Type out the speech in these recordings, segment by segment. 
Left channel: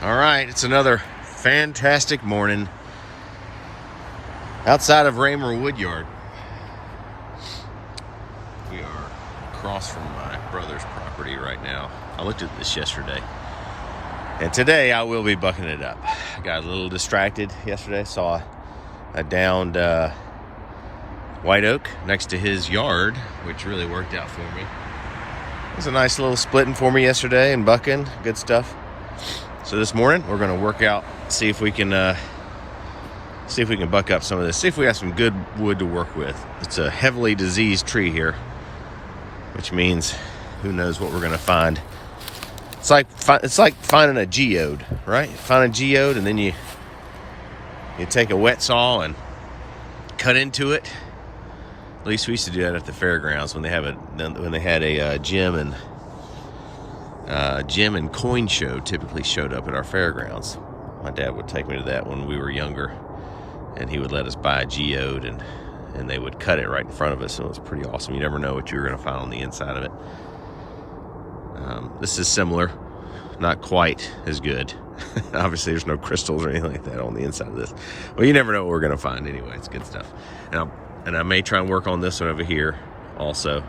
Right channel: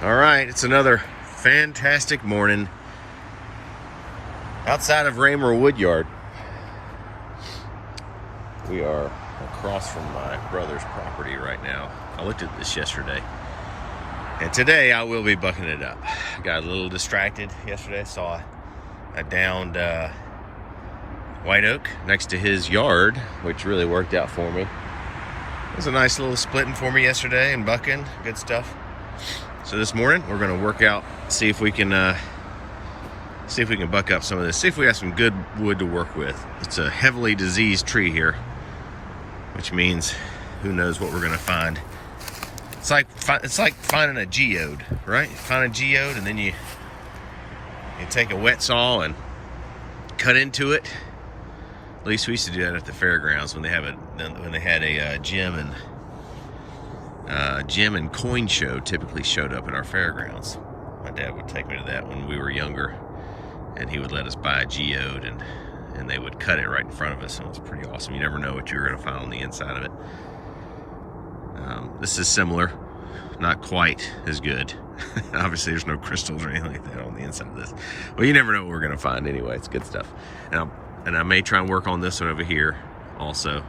All right, it's another fantastic morning outside of Raymer Woodyard. We are across from my brother's property right now. I looked at this yesterday, and today I will be bucking it up. I got a little distracted yesterday, saw a downed white oak next to his yard, which really worked out for me. It was a nice little splitting for me yesterday and bucking, good stuff. So this morning we're going to work out, see if we can buck up some of this, see if we have some good wood to work with. It's a heavily diseased tree here, which means who knows what we're going to find. It's like finding a geode, right? Find a geode and then you take a wet saw and cut into it. At least we used to do that at the fairgrounds when they had a gym and coin show typically showed up at our fairgrounds. My dad would take me to that when we were younger, and he would let us buy a geode, and they would cut it right in front of us. So it was pretty awesome. You never know what you're going to find on the inside of it. This is similar, not quite as good. Obviously, there's no crystals or anything like that on the inside of this. Well, you never know what we're going to find anyway. It's good stuff. And I may try and work on this one over here also.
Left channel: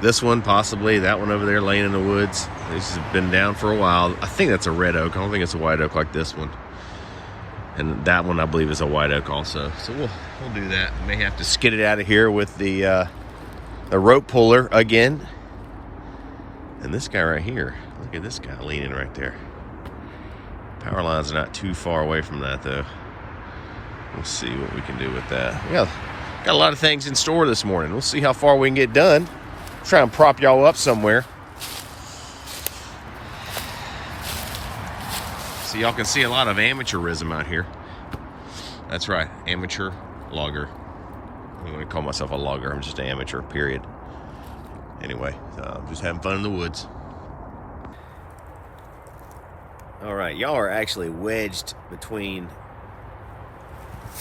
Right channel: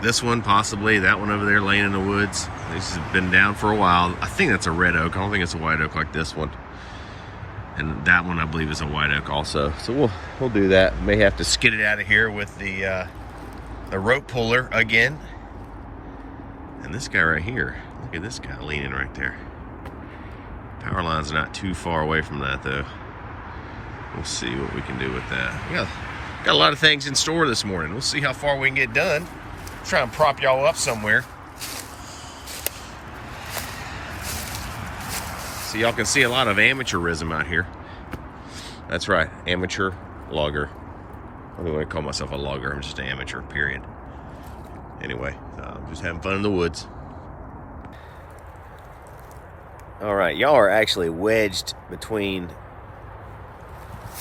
This one, possibly. That one over there laying in the woods. This has been down for a while. I think that's a red oak. I don't think it's a white oak like this one. And that one, I believe, is a white oak also. So we'll do that. May have to skid it out of here with the rope puller again. And this guy right here, look at this guy leaning right there. Power line's not too far away from that, though. We'll see what we can do with that. We got a lot of things in store this morning. We'll see how far we can get done. Try and prop y'all up somewhere so y'all can see a lot of amateurism out here. That's right, amateur logger. I don't even want to call myself a logger. I'm just an amateur, period. Anyway, just having fun in the woods. All right, y'all are actually wedged between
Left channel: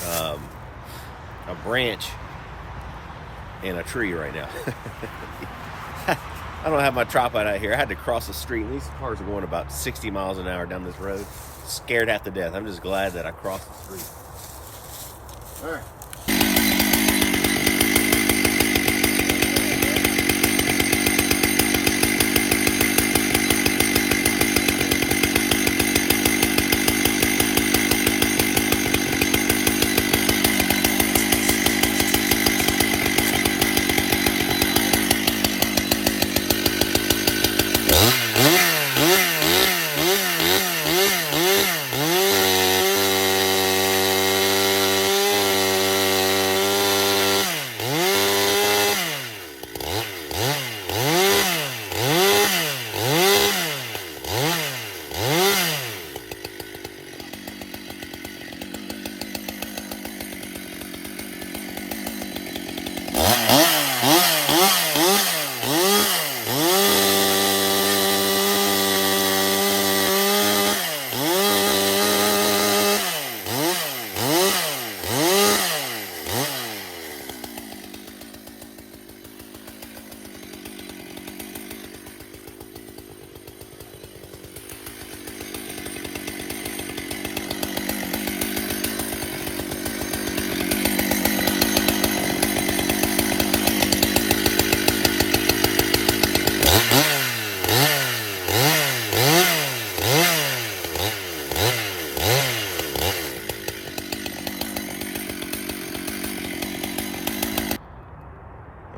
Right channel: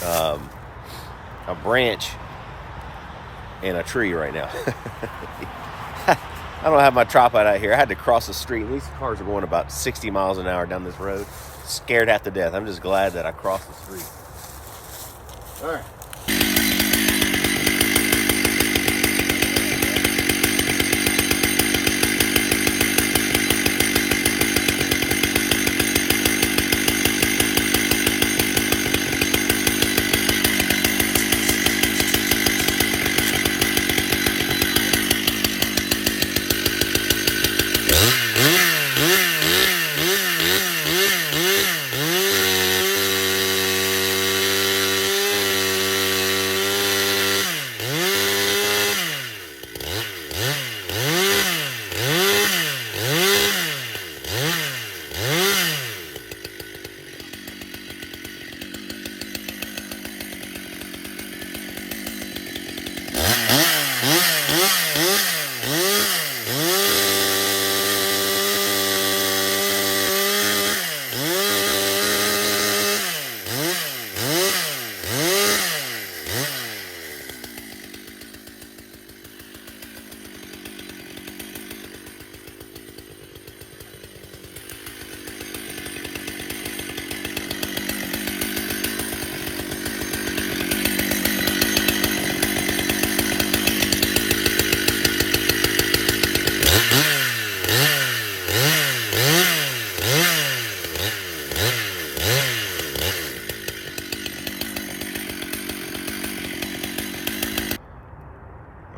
a branch and a tree right now. I don't have my tripod out here. I had to cross the street. These cars are going about 60 miles an hour down this road. Scared half to death. I'm just glad that I crossed the street. All right.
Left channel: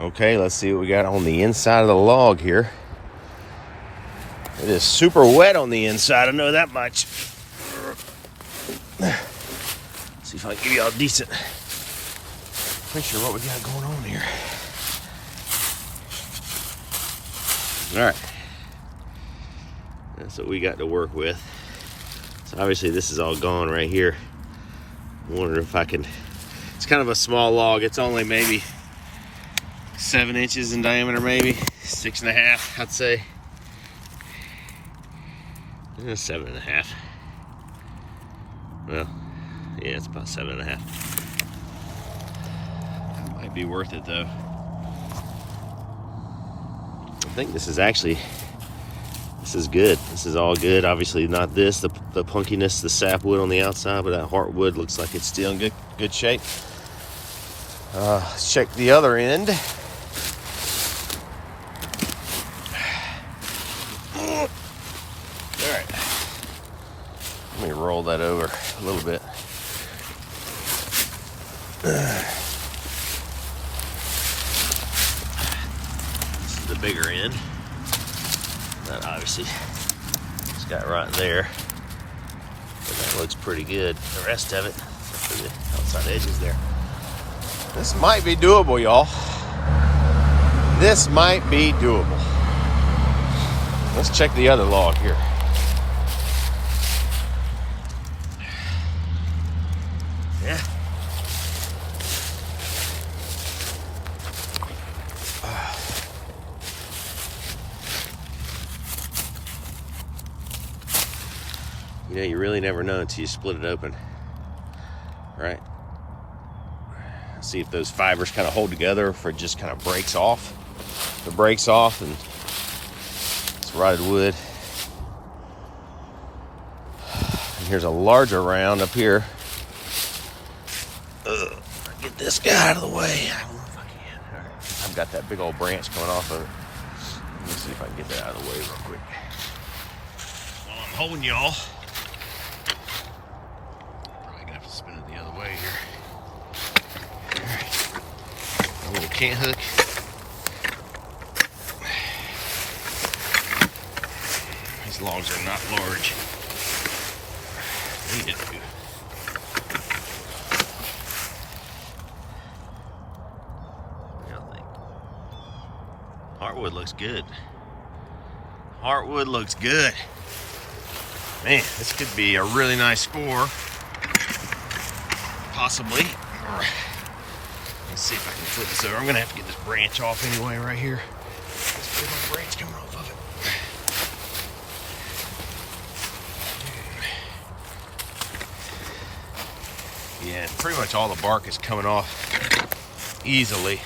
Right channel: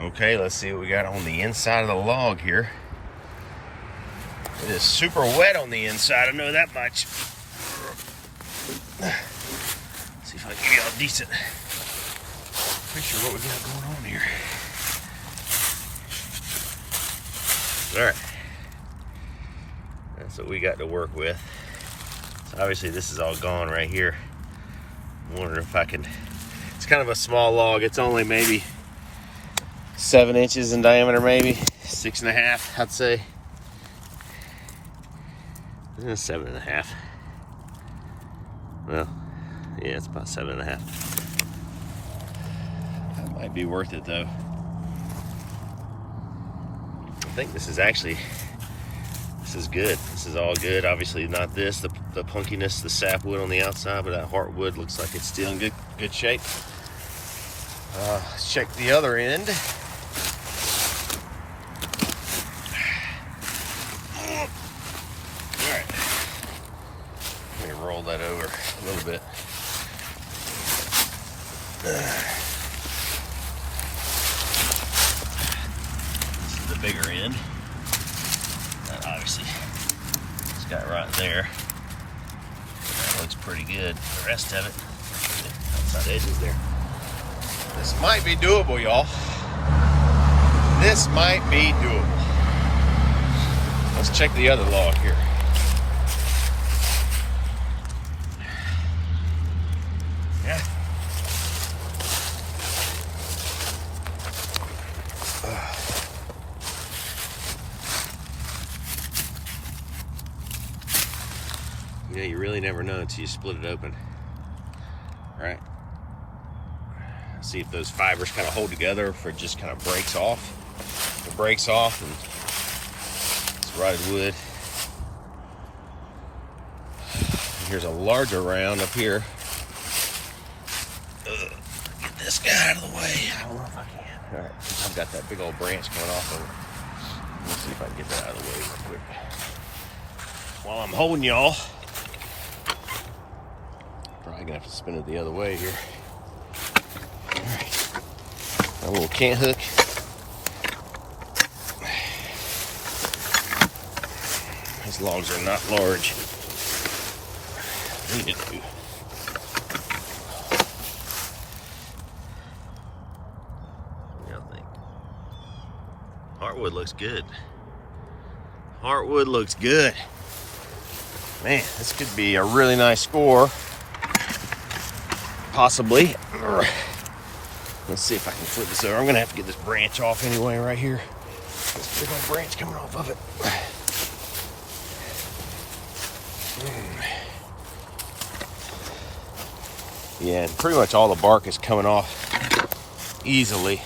Okay, let's see what we got on the inside of the log here. It is super wet on the inside, I know that much. Let's see if I can give you a decent picture of what we got going on here. All right, that's what we got to work with. So obviously this is all gone right here. I wonder if I can, it's kind of a small log. It's only maybe 7 inches in diameter, maybe 6.5, I'd say. 7.5. Well, yeah, it's about 7.5. That might be worth it though. I think this is actually This is good. This is all good. Obviously not this, the punkiness, the sapwood on the outside, but that heartwood looks like it's still in good shape. Let's check the other end. All right. Let me roll that over a little bit. This is the bigger end. That obviously it's got right there. But that looks pretty good. The rest of it, the outside edges there. This might be doable, y'all. This might be doable. Let's check the other log here. Yeah. You know, you really never know until you split it open, right? See if those fibers kind of hold together, or if it just kind of breaks off. If it breaks off, and it's rotted wood. And here's a larger round up here. Get this guy out of the way. I don't know if I can. All right, I've got that big old branch coming off of it. Let me see if I can get that out of the way real quick. While I'm holding y'all, probably gonna have to spin it the other way here. Alright, a little cant hook. These logs are not large. Need to do. What do y'all think? Heartwood looks good. Heartwood looks good. Man, this could be a really nice score. Possibly. Let's see if I can flip this over. I'm gonna have to get this branch off anyway right here. There's my branch coming off of it. Yeah, and pretty much all the bark is coming off easily.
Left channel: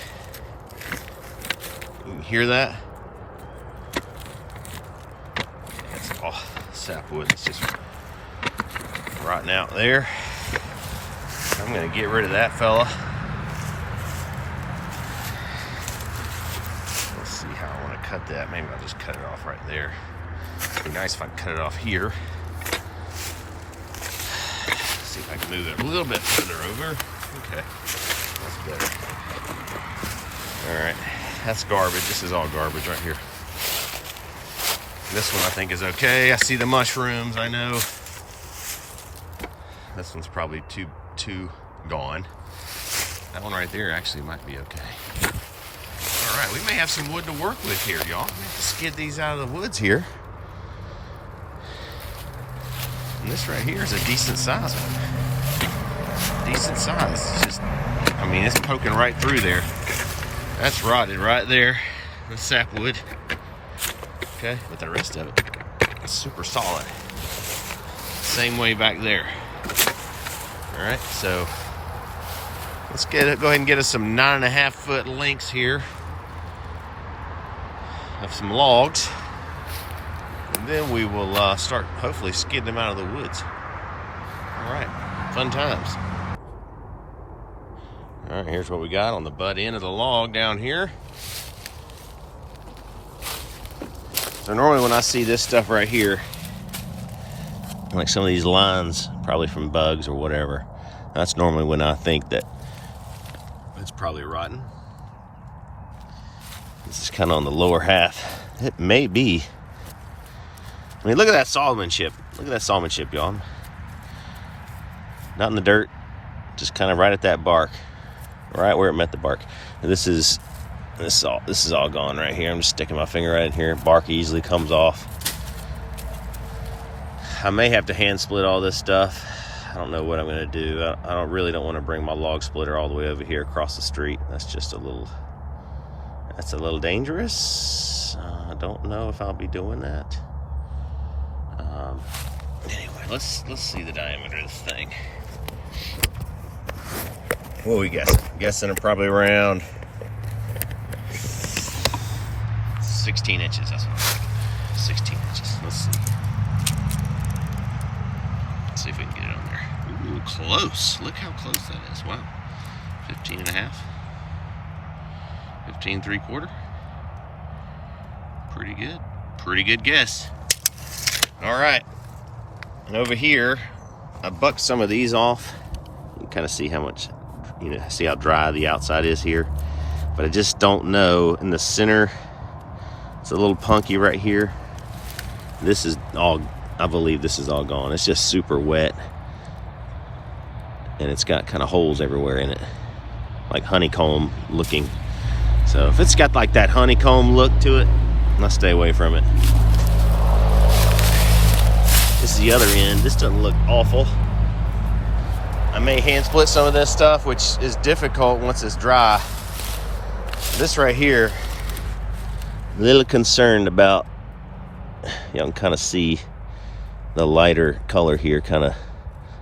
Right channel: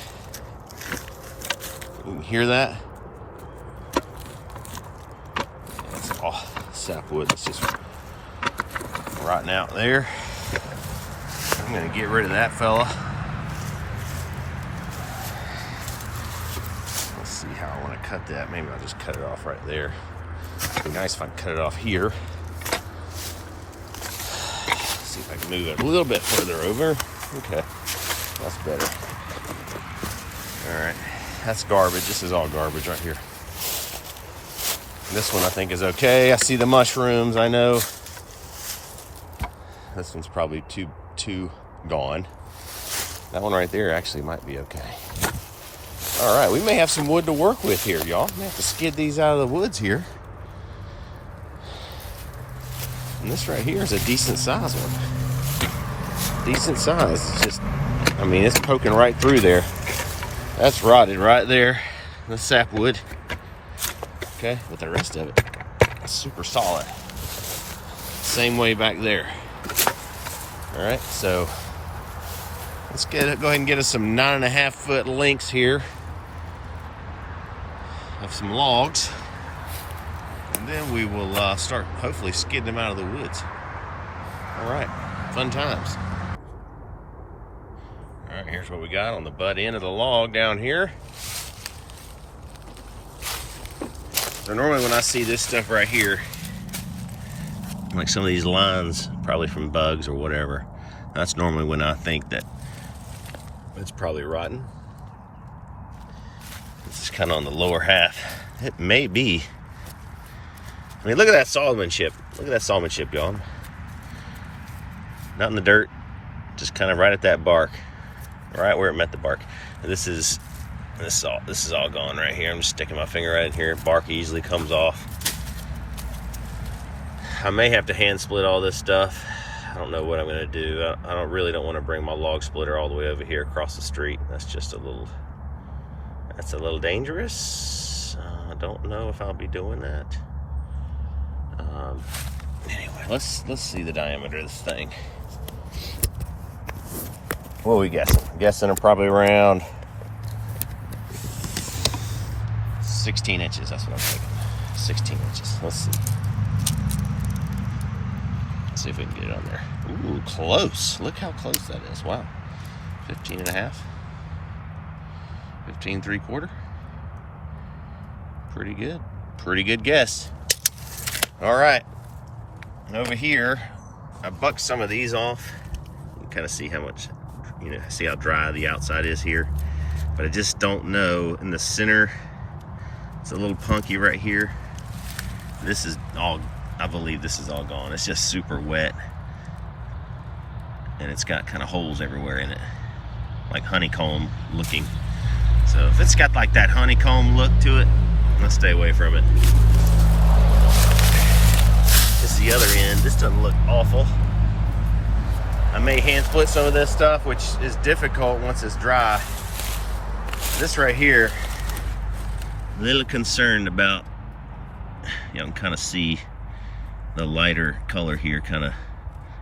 You can hear that? Yeah, that's all sapwood that's just rotting out there. I'm gonna get rid of that fella. Let's see how I want to cut that. Maybe I'll just cut it off right there. It'd be nice if I cut it off here. Let's see if I can move it a little bit further over. Okay, that's better. All right, that's garbage. This is all garbage right here. This one I think is okay. I see the mushrooms, I know. This one's probably too gone. That one right there actually might be okay. All right, we may have some wood to work with here, y'all. We have to skid these out of the woods here. And this right here is a decent size one. Decent size. It's just, I mean, it's poking right through there. That's rotted right there. The sapwood. Okay, but the rest of it is super solid. Same way back there. All right, so let's go ahead and get us some 9.5 foot lengths here of some logs, and then we will start hopefully skidding them out of the woods. All right, fun times. All right, here's what we got on the butt end of the log down here. So normally when I see this stuff right here, like some of these lines, probably from bugs or whatever, that's normally when I think that it's probably rotten. This is kind of on the lower half. It may be. I mean, look at that Solomon chip. Look at that Solomon chip, y'all. Not in the dirt, just kind of right at that bark, right where it met the bark. And this is all gone right here. I'm just sticking my finger right in here. Bark easily comes off. I may have to hand split all this stuff. I don't know what I'm gonna do. I really don't want to bring my log splitter all the way over here across the street. That's a little dangerous. I don't know if I'll be doing that. Anyway, let's see the diameter of this thing. What are we guessing? I'm guessing they're probably around 16 inches. That's what I'm thinking. 16 inches. Let's see. Let's see if we can get it on there. Ooh, close. Look how close that is. Wow. 15 and a half. 15 3/4. Pretty good. Pretty good guess. All right. And over here, I bucked some of these off. You can kind of see how much, see how dry the outside is here. But I just don't know. In the center, it's a little punky right here. This is all, I believe this is all gone. It's just super wet. And it's got kind of holes everywhere in it. Like honeycomb looking. So if it's got like that honeycomb look to it, I'll stay away from it. This is the other end. This doesn't look awful. I may hand split some of this stuff, which is difficult once it's dry. This right here, a little concerned about, you can kind of see the lighter color here kind of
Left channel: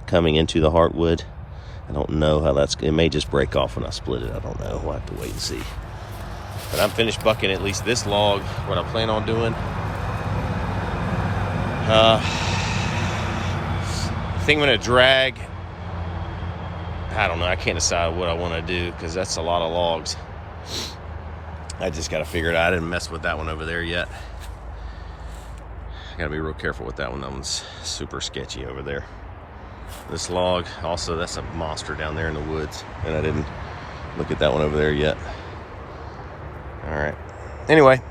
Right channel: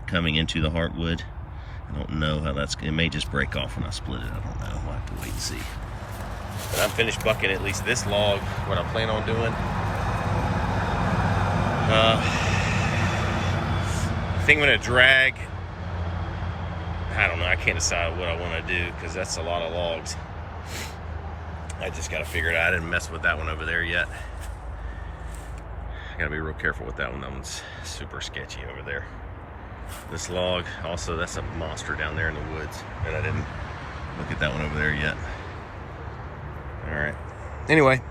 coming into the heartwood. I don't know how it may just break off when I split it. I don't know. We'll have to wait and see. But I'm finished bucking at least this log, what I plan on doing. I think I'm gonna drag, I don't know, I can't decide what I wanna do because that's a lot of logs. I just gotta figure it out. I didn't mess with that one over there yet. I gotta be real careful with that one. That one's super sketchy over there. This log, also, that's a monster down there in the woods, and I didn't look at that one over there yet. All right. Anyway.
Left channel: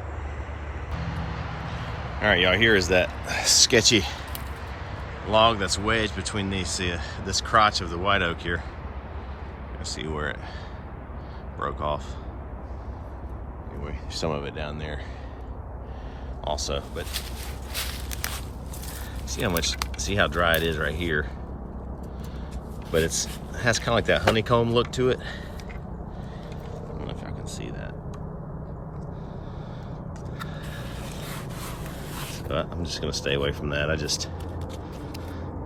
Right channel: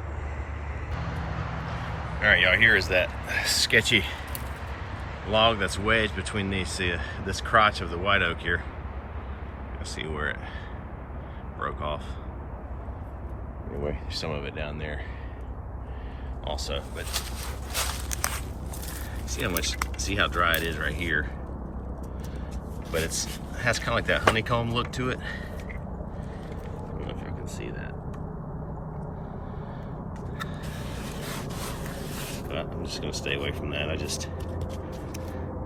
All right, y'all, here is that sketchy log that's wedged between these, this crotch of the white oak here. Let's see where it broke off. Anyway, some of it down there also, but see how dry it is right here. But it has kind of like that honeycomb look to it. I don't know if I can see that. So I'm just gonna stay away from that.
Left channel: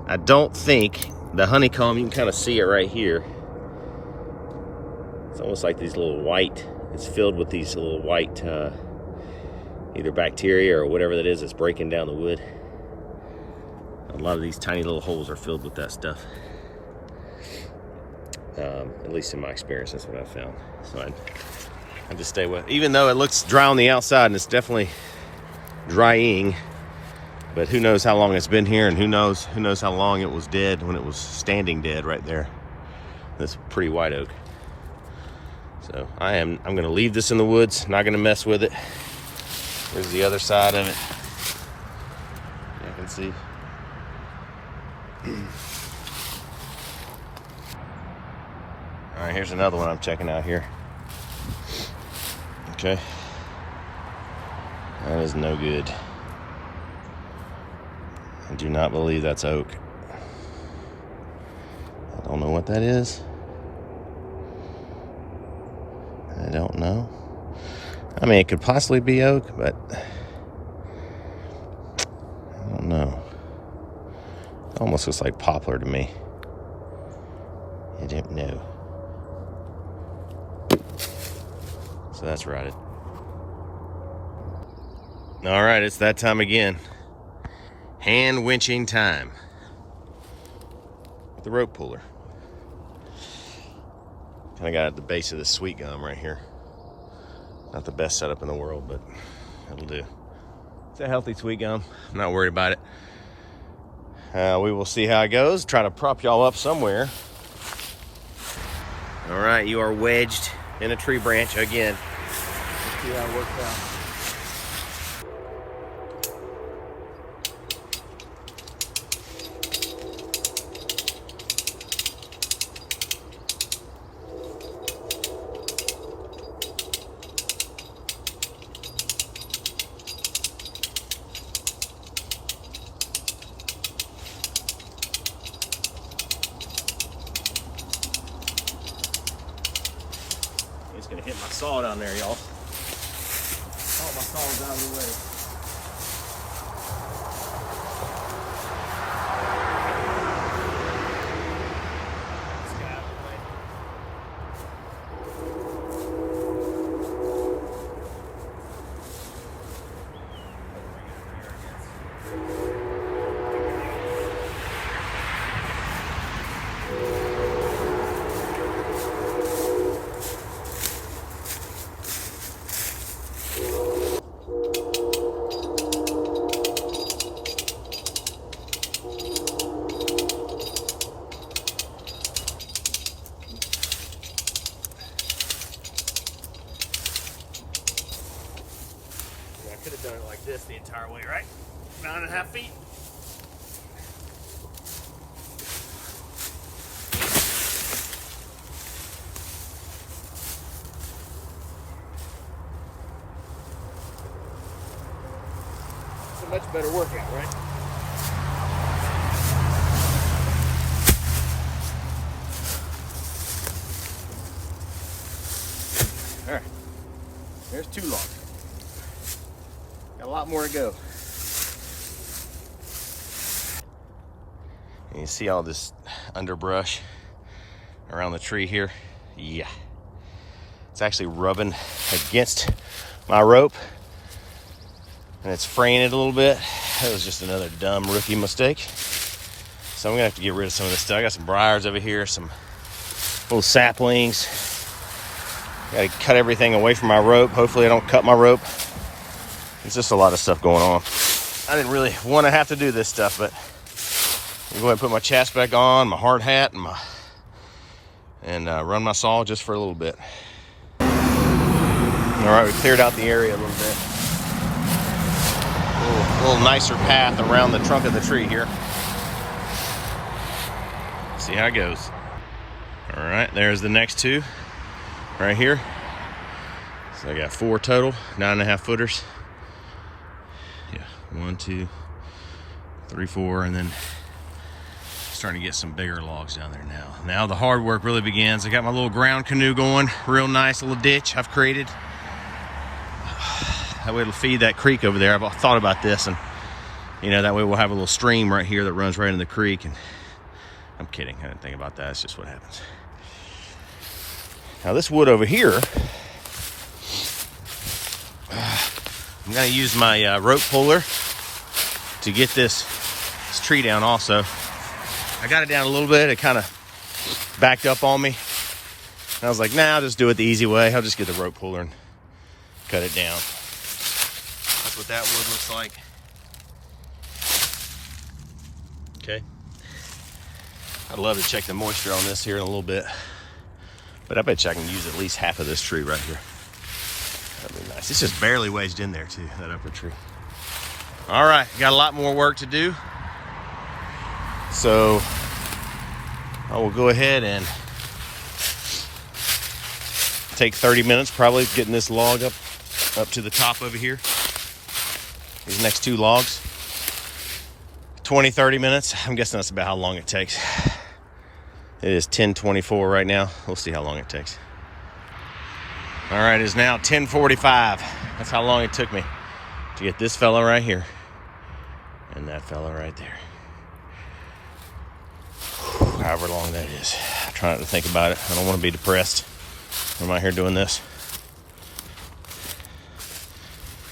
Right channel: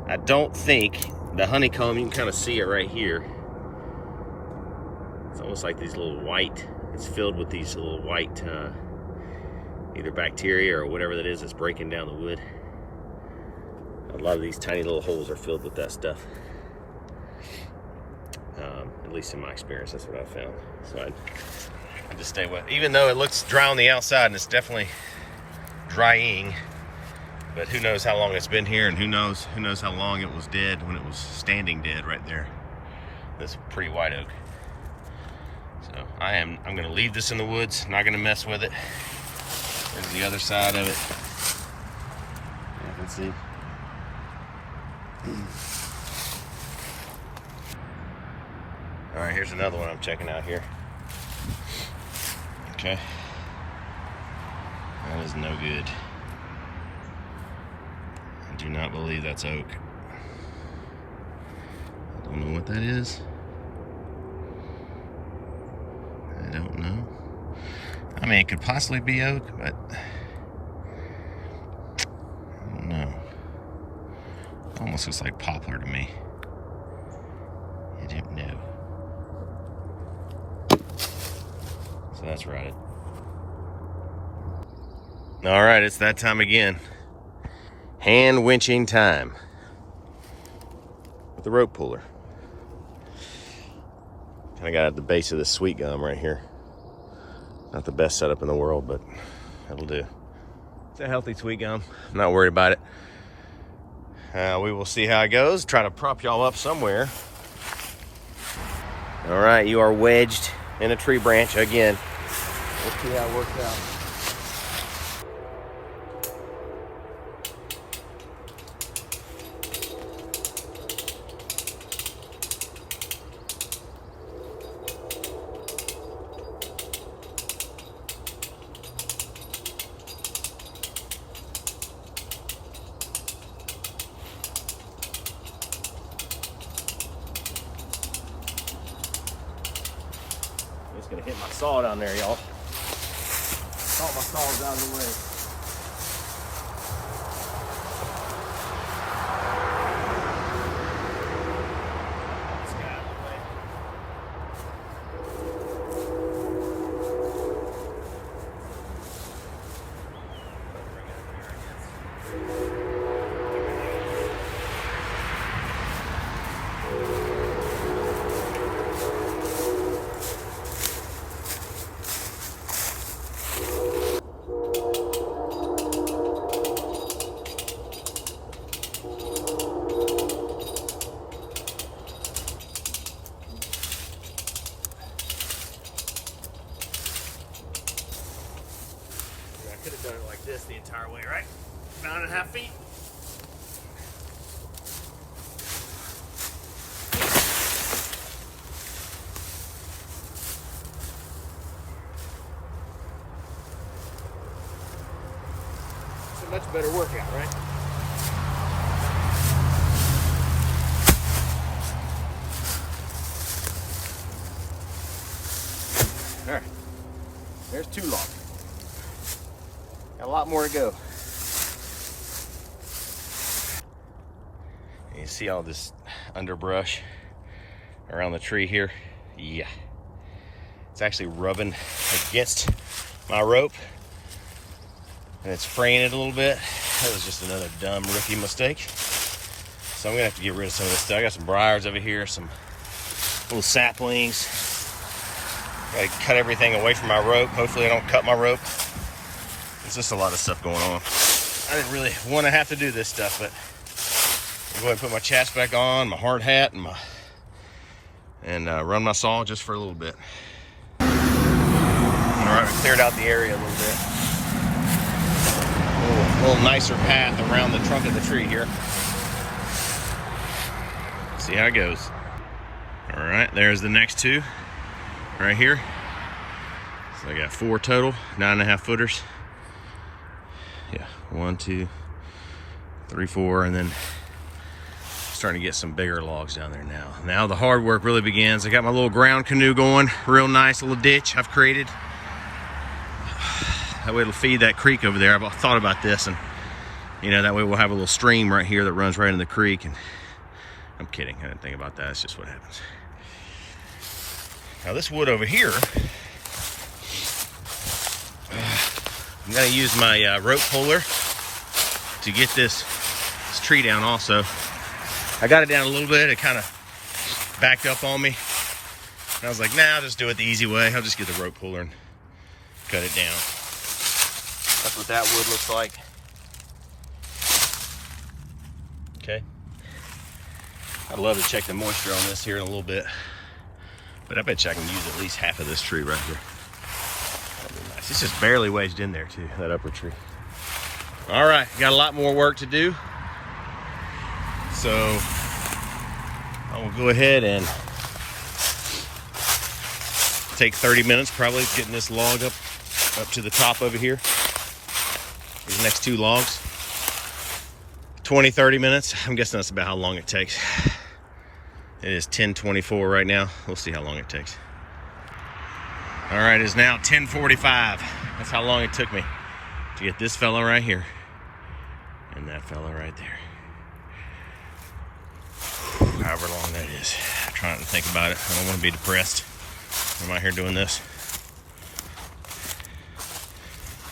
I don't think the honeycomb, you can kind of see it right here. It's almost like these little white, it's filled with these little white, either bacteria or whatever that is that's breaking down the wood. A lot of these tiny little holes are filled with that stuff. At least in my experience, that's what I found. So I just stay away. Even though it looks dry on the outside and it's definitely drying, but who knows how long it's been here, and who knows how long it was dead when it was standing dead right there. This pretty white oak. So I'm gonna leave this in the woods, not gonna mess with it. There's the other side of it. You can see. All right, here's another one I'm checking out here. Okay. That is no good. I do not believe that's oak. I don't know what that is. I don't know. I mean, it could possibly be oak, but I don't know. It almost looks like poplar to me. I don't know. So that's rotted. All right, it's that time again. Hand winching time with the rope puller. I got at the base of this sweet gum right here. Not the best setup in the world, but it'll do. It's a healthy sweet gum. I'm not worried about it. We will see how it goes. Try to prop y'all up somewhere. All right, you are wedged in a tree branch again. Let's see how it works out. It's gonna hit my saw down there, y'all. Thought my saw was out of the way. Let's get out of the way. Bring it over here, I guess. our way, right? 9.5 feet. It's a much better workout, right? All right, there's 2 logs. Got a lot more to go. And you see all this underbrush around the tree here? Yeah. It's actually rubbing against my rope and it's fraying it a little bit. That was just another dumb rookie mistake. So I'm gonna have to get rid of some of this stuff. I got some briars over here, some little saplings. Gotta cut everything away from my rope. Hopefully I don't cut my rope. It's just a lot of stuff going on. I didn't really want to have to do this stuff, but I'm going to put my chest back on, my hard hat, and run my saw just for a little bit. All right, we cleared out the area a little bit. A little nicer path around the trunk of the tree here. See how it goes. All right, there's the next 2 right here. So I got 4 total, 9.5 footers. Yeah, 1, 2, 3, 4, and then starting to get some bigger logs down there now. Now the hard work really begins. I got my little ground canoe going, real nice little ditch I've created. That way it'll feed that creek over there. I've thought about this, and you know, that way we'll have a little stream right here that runs right in the creek. And I'm kidding, I didn't think about that. It's just what happens. Now this wood over here, I'm gonna use my rope puller to get this tree down also. I got it down a little bit. It kind of backed up on me. And I was like, nah, I'll just do it the easy way. I'll just get the rope puller and cut it down. That's what that wood looks like. Okay. I'd love to check the moisture on this here in a little bit. But I bet you I can use at least half of this tree right here. That'd be nice. It's just barely wedged in there too, that upper tree. All right, got a lot more work to do. So I will go ahead and take 30 minutes probably getting this log up to the top over here. These next 2 logs. 20, 30 minutes. I'm guessing that's about how long it takes. It is 10:24 right now. We'll see how long it takes. All right, it's now 10:45. That's how long it took me to get this fella right here and that fella right there. However long that is. I'm trying to think about it. I don't want to be depressed. I'm out here doing this.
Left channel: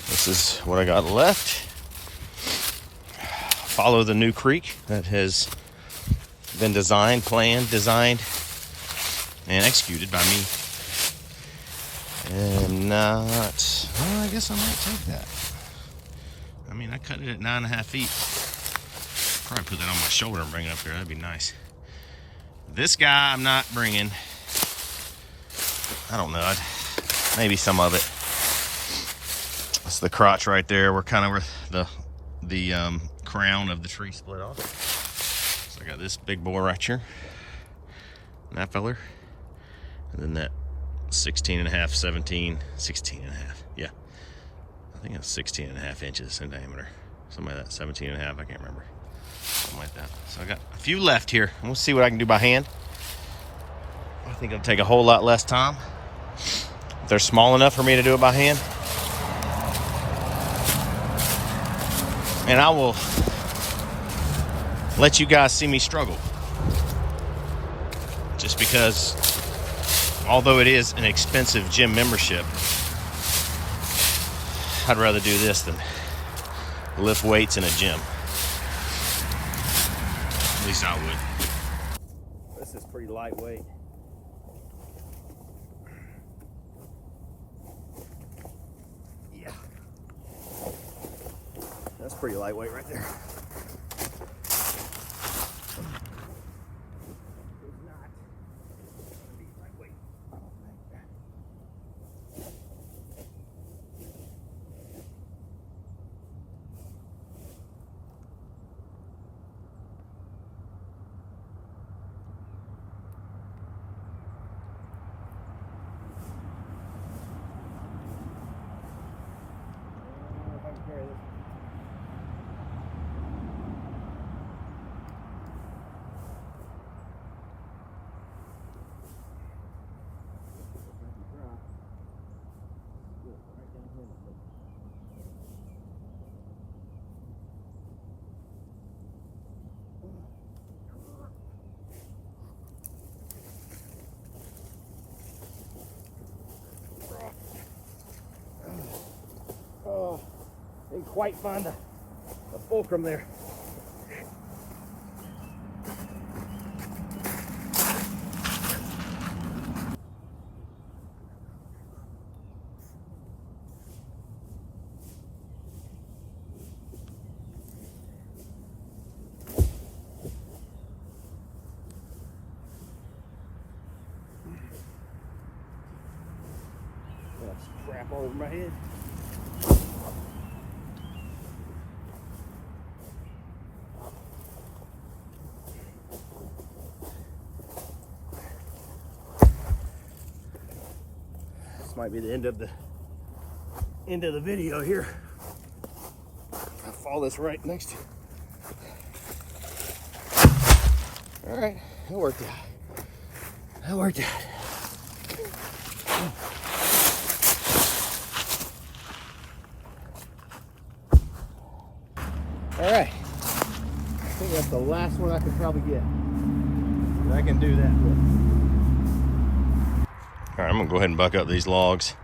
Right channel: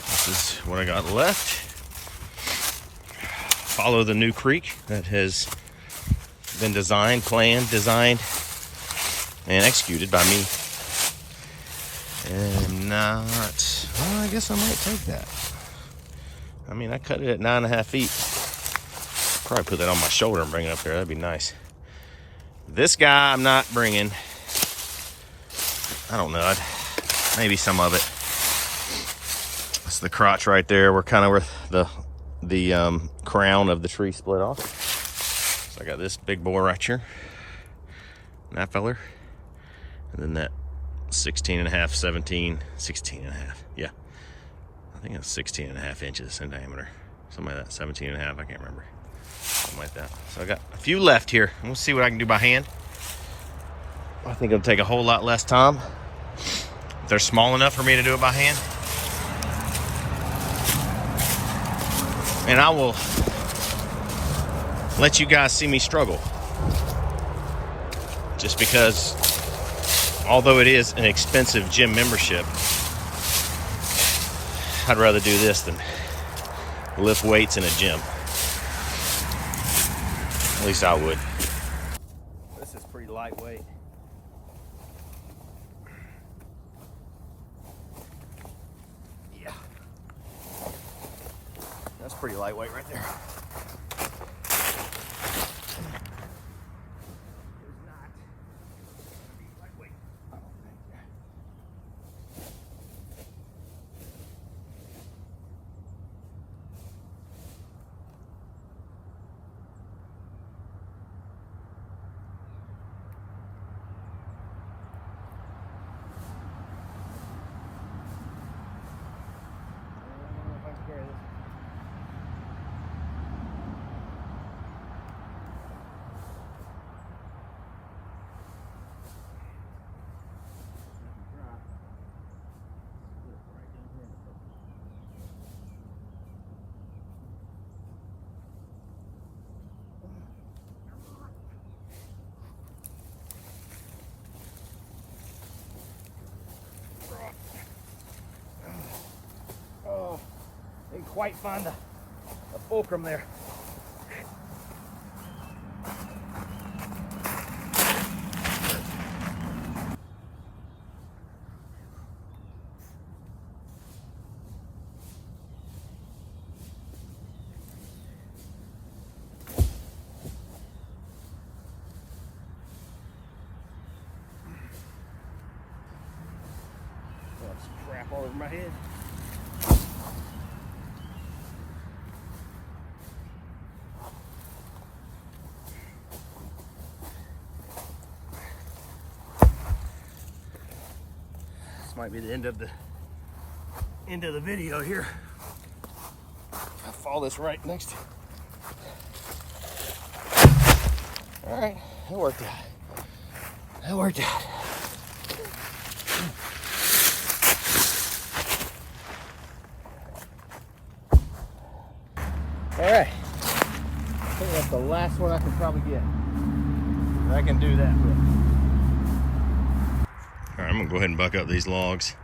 This is what I got left. Follow the new creek that has been designed, planned, and executed by me. And not, well, I guess I might take that. I mean, I cut it at 9.5 feet. Probably put that on my shoulder and bring it up there. That'd be nice. This guy I'm not bringing. I don't know. Maybe some of it. That's the crotch right there. We're kind of where the crown of the tree split off. So I got this big boy right here. And that feller. And then that 16.5, 17, 16.5. Yeah. I think it's 16.5 inches in diameter. Something like that. 17.5. I can't remember. Something like that. So I got a few left here. We'll see what I can do by hand. I think it'll take a whole lot less time. If they're small enough for me to do it by hand. And I will let you guys see me struggle. Just because, although it is an expensive gym membership, I'd rather do this than lift weights in a gym. At least I would. This is pretty lightweight. Yeah. That's pretty lightweight right there. quite find the fulcrum there. Some crap all over my head. This might be the end of the video here. I'll follow this right next to. All right, that worked out. That worked out. All right, I think that's the last one I could probably get. I can do that with. All right, I'm gonna go ahead and buck up these logs.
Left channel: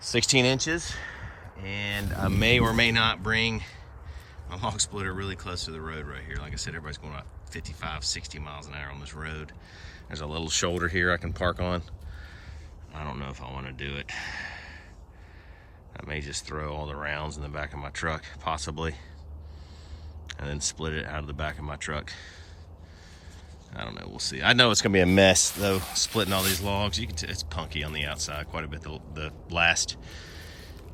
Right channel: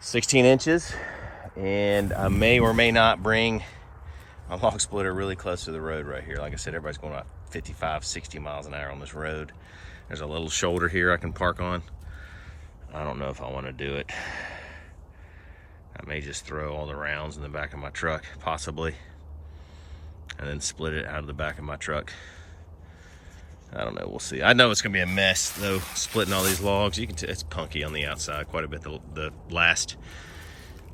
16 inches, and I may or may not bring my log splitter really close to the road right here. Like I said, everybody's going about 55, 60 miles an hour on this road. There's a little shoulder here I can park on. I don't know if I want to do it. I may just throw all the rounds in the back of my truck, possibly, and then split it out of the back of my truck. I don't know, we'll see. I know it's gonna be a mess though, splitting all these logs. You can it's punky on the outside quite a bit. The last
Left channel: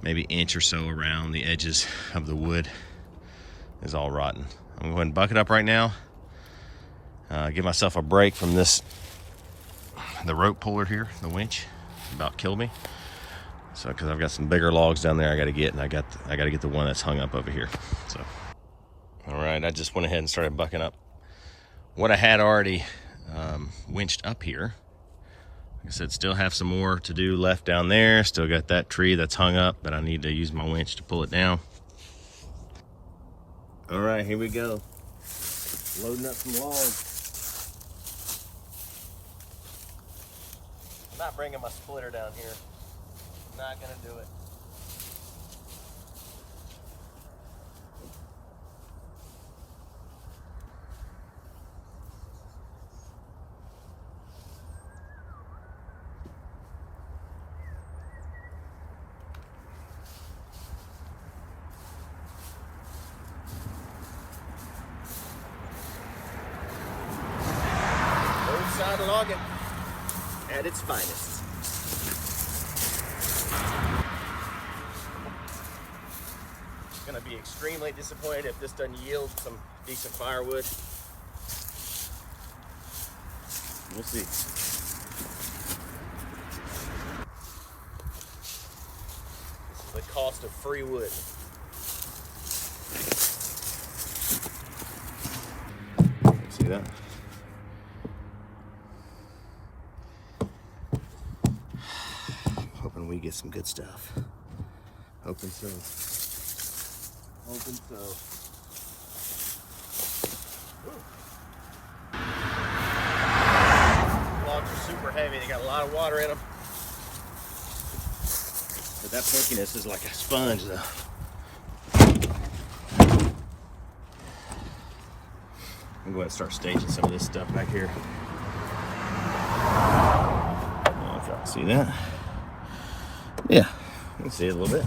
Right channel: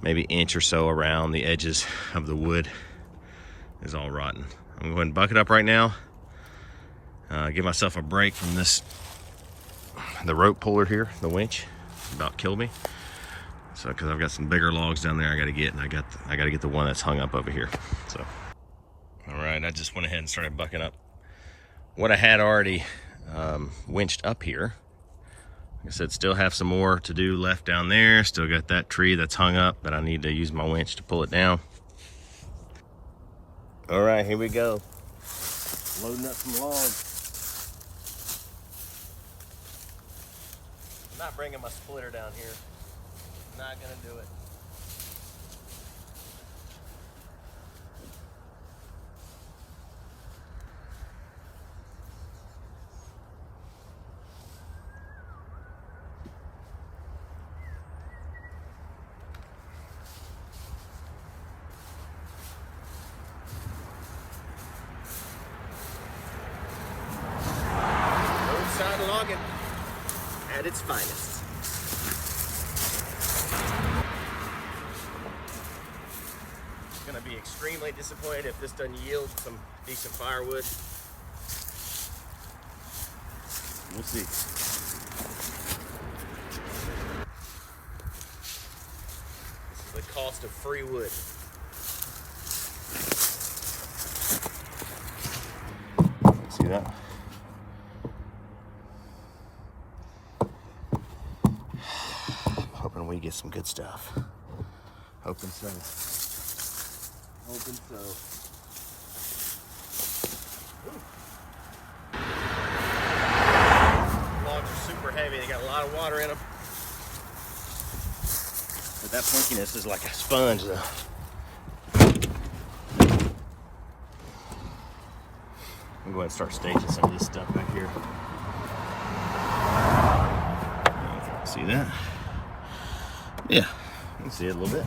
maybe inch or so around the edges of the wood is all rotten. I'm gonna go ahead and buck it up right now. Give myself a break from the rope puller here, the winch. About killed me. So, because I've got some bigger logs down there I got to get, and I got to get the one that's hung up over here. So, all right, I just went ahead and started bucking up what I had already winched up here. Like I said, still have some more to do left down there. Still got that tree that's hung up that I need to use my winch to pull it down. All right, here we go. Loading up some logs. I'm not bringing my splitter down here. Not gonna do it. Roadside logging at its finest. Gonna be extremely disappointed if this doesn't yield some decent firewood. We'll see. This is the cost of free wood. See that? Hoping we get some good stuff. Hoping so. Hoping so. Logs are super heavy. They got a lot of water in them. But that punkiness is like a sponge there. I'm going to start staging some of this stuff back here. I don't know if I can see that. Yeah, you can see it a little bit.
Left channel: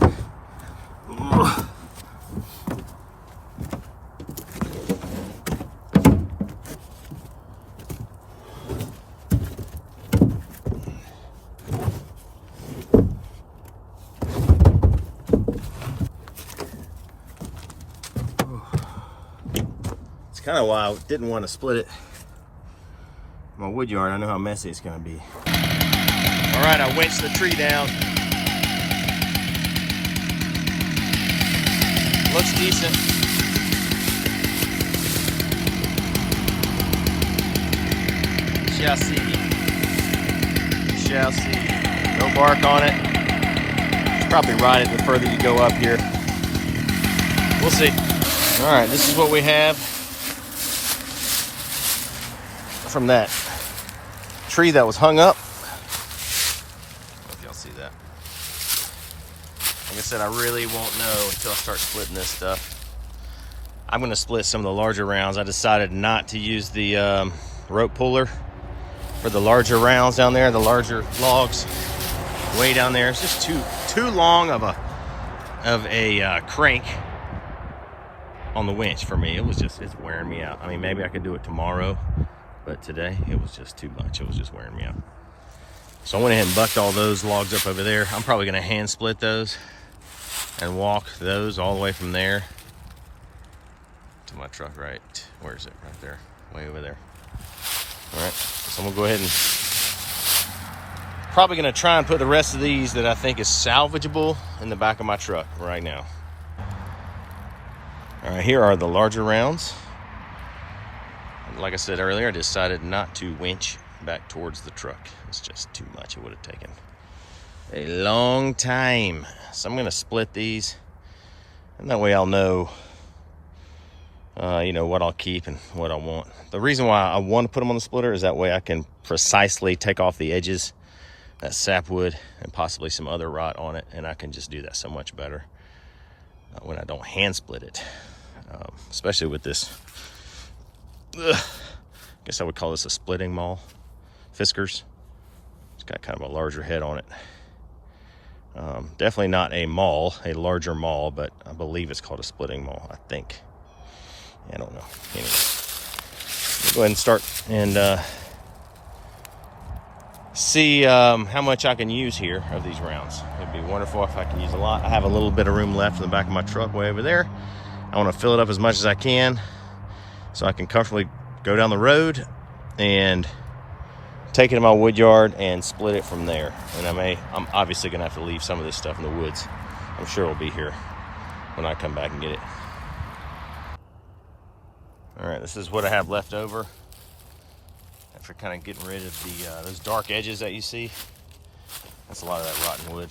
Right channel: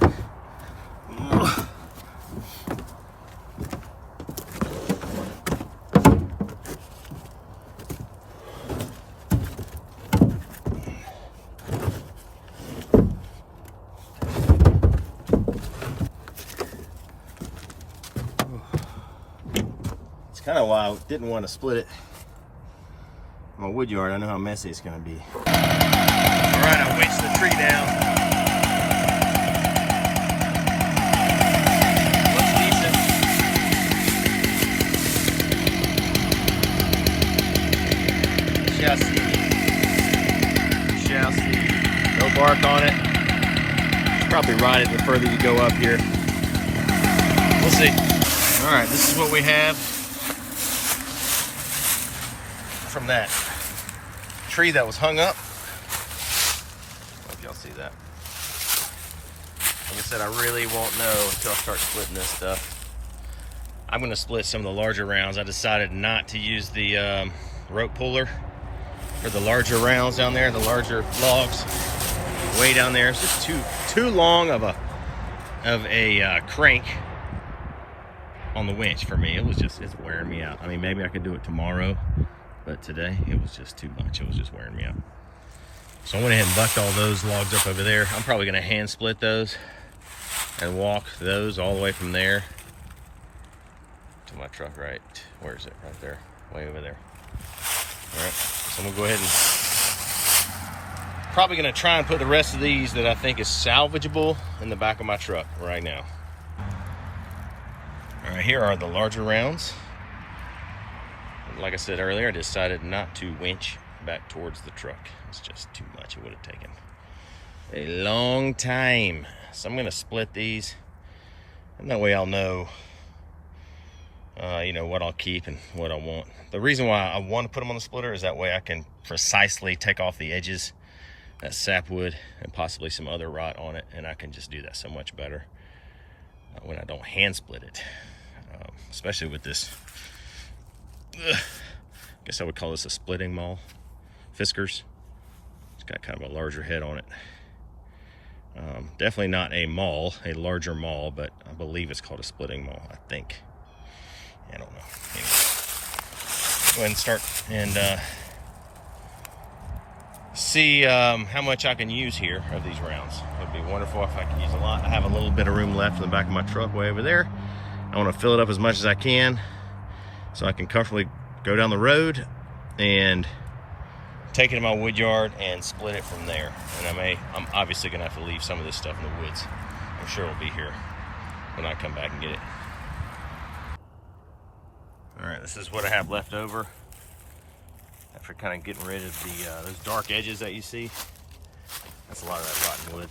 Kind of why I didn't want to split it. My wood yard, I know how messy it's going to be. All right, I winched the tree down. Looks decent. Shall see. Shall see. No bark on it. It's probably rotted the further you go up here. We'll see. All right, this is what we have from that tree that was hung up. I don't know if y'all see that. Like I said, I really won't know until I start splitting this stuff. I'm gonna split some of the larger rounds. I decided not to use the rope puller for the larger rounds down there, the larger logs way down there. It's just too long of a crank on the winch for me. It's wearing me out. I mean, maybe I could do it tomorrow, but today it was just too much. It was just wearing me out. So I went ahead and bucked all those logs up over there. I'm probably gonna hand split those and walk those all the way from there to my truck. Right, where is it? Right there, way over there. All right, so I'm gonna go ahead and probably gonna try and put the rest of these that I think is salvageable in the back of my truck right now. All right, here are the larger rounds. Like I said earlier, I decided not to winch back towards the truck. It's just too much. It would have taken a long time. So I'm gonna split these, and that way I'll know you know, what I'll keep and what I won't. The reason why I want to put them on the splitter is that way I can precisely take off the edges, that sapwood, and possibly some other rot on it, and I can just do that so much better when I don't hand split it. Especially with this, I guess I would call this a splitting maul, Fiskars. It's got kind of a larger head on it. Definitely not a maul, a larger maul, but I believe it's called a splitting maul, I think. I don't know. Anyway, go ahead and start and see how much I can use here of these rounds. It'd be wonderful if I can use a lot. I have a little bit of room left in the back of my truck way over there. I want to fill it up as much as I can so I can comfortably go down the road and take it to my wood yard and split it from there. And I'm obviously gonna have to leave some of this stuff in the woods. I'm sure it'll be here when I come back and get it. All right, this is what I have left over after kind of getting rid of the those dark edges that you see. That's a lot of that rotten wood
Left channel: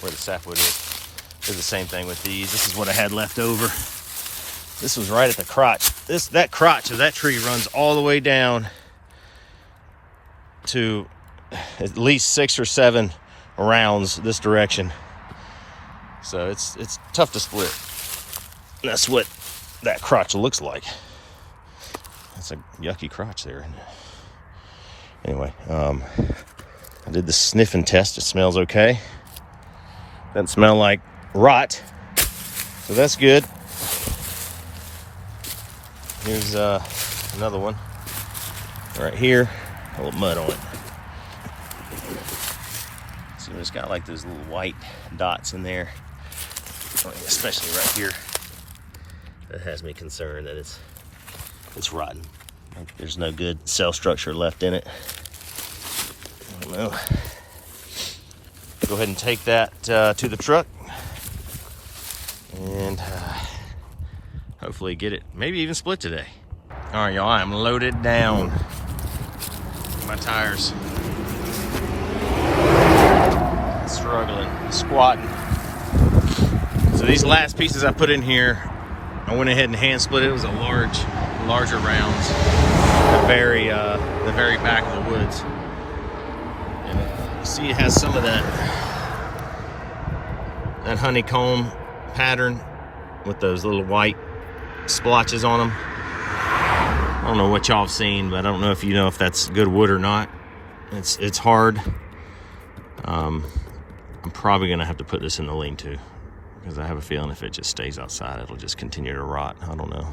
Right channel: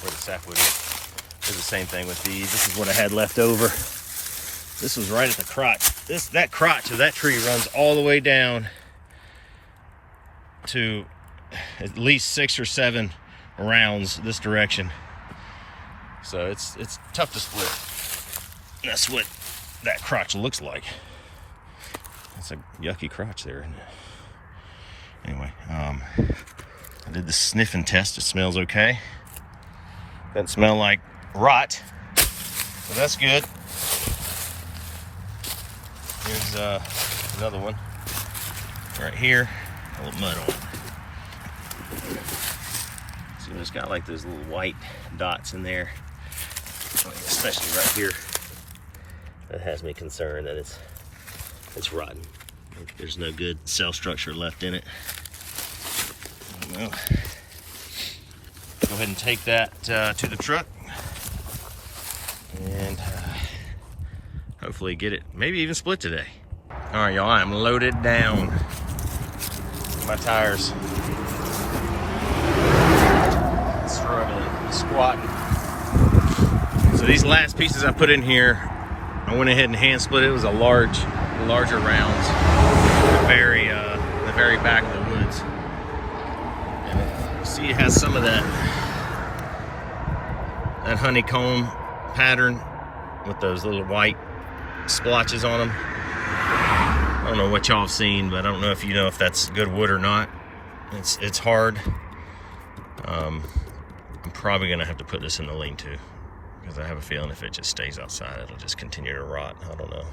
where the sapwood is. Did the same thing with these. This is what I had left over. This was right at the crotch. That crotch of that tree runs all the way down to at least 6 or 7 rounds this direction. So it's tough to split. That's what that crotch looks like. That's a yucky crotch there, isn't it? Anyway, I did the sniffing test. It smells okay. Doesn't smell like rot, so that's good. Here's another one right here. A little mud on it. See, it's got like those little white dots in there, especially right here. That has me concerned that it's rotten. There's no good cell structure left in it. Well, go ahead and take that to the truck and hopefully get it, maybe even split today. All right, y'all, I'm loaded down. My tires struggling, squatting. So these last pieces I put in here, I went ahead and hand split it. It was larger rounds, the very back of the woods. And you see, it has some of that honeycomb pattern with those little white splotches on them. I don't know what y'all have seen, but I don't know if you know if that's good wood or not. It's hard. I'm probably gonna have to put this in the lean-to because I have a feeling if it just stays outside, it'll just continue to rot. I don't know.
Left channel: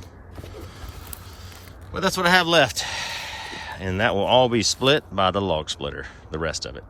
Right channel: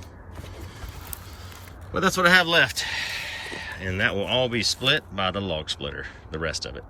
But that's what I have left. And that will all be split by the log splitter, the rest of it.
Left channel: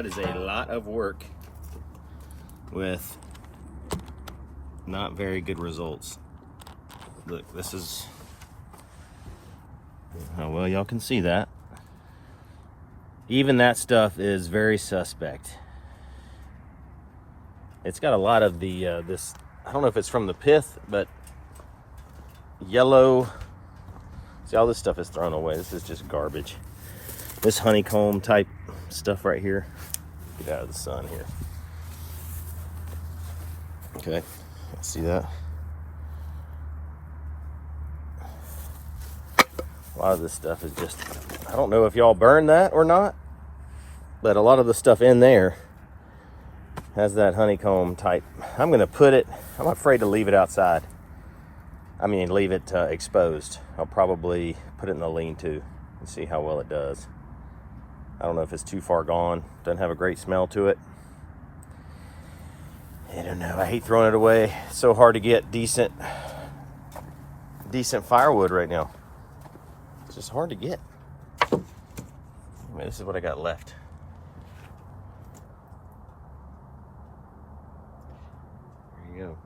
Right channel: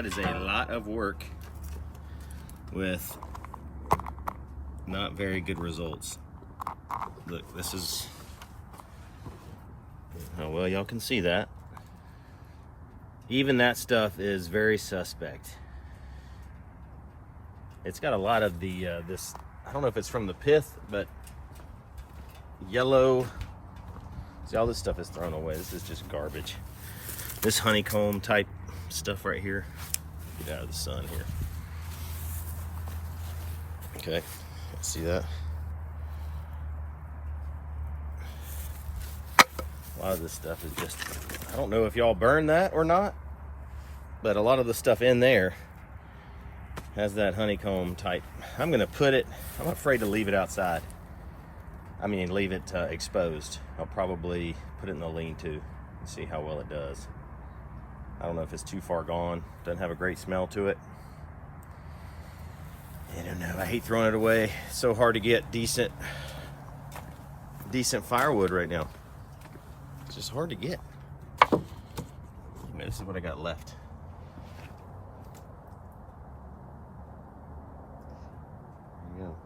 That is a lot of work with not very good results. Look, this is how well y'all can see that. Even that stuff is very suspect. It's got a lot of the this, I don't know if it's from the pith, but yellow. See, all this stuff is thrown away. This is just garbage. This honeycomb type stuff right here. Get out of the sun here. Okay, see that? A lot of this stuff is just, I don't know if y'all burn that or not, but a lot of the stuff in there has that honeycomb type. I'm gonna put it, I'm afraid to leave it outside. I mean, leave it exposed. I'll probably put it in the lean-to and see how well it does. I don't know if it's too far gone. Doesn't have a great smell to it. I don't know, I hate throwing it away. It's so hard to get decent firewood right now. It's just hard to get. Anyway, this is what I got left. There you go.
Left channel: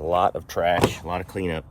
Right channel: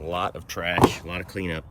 A lot of trash, a lot of cleanup.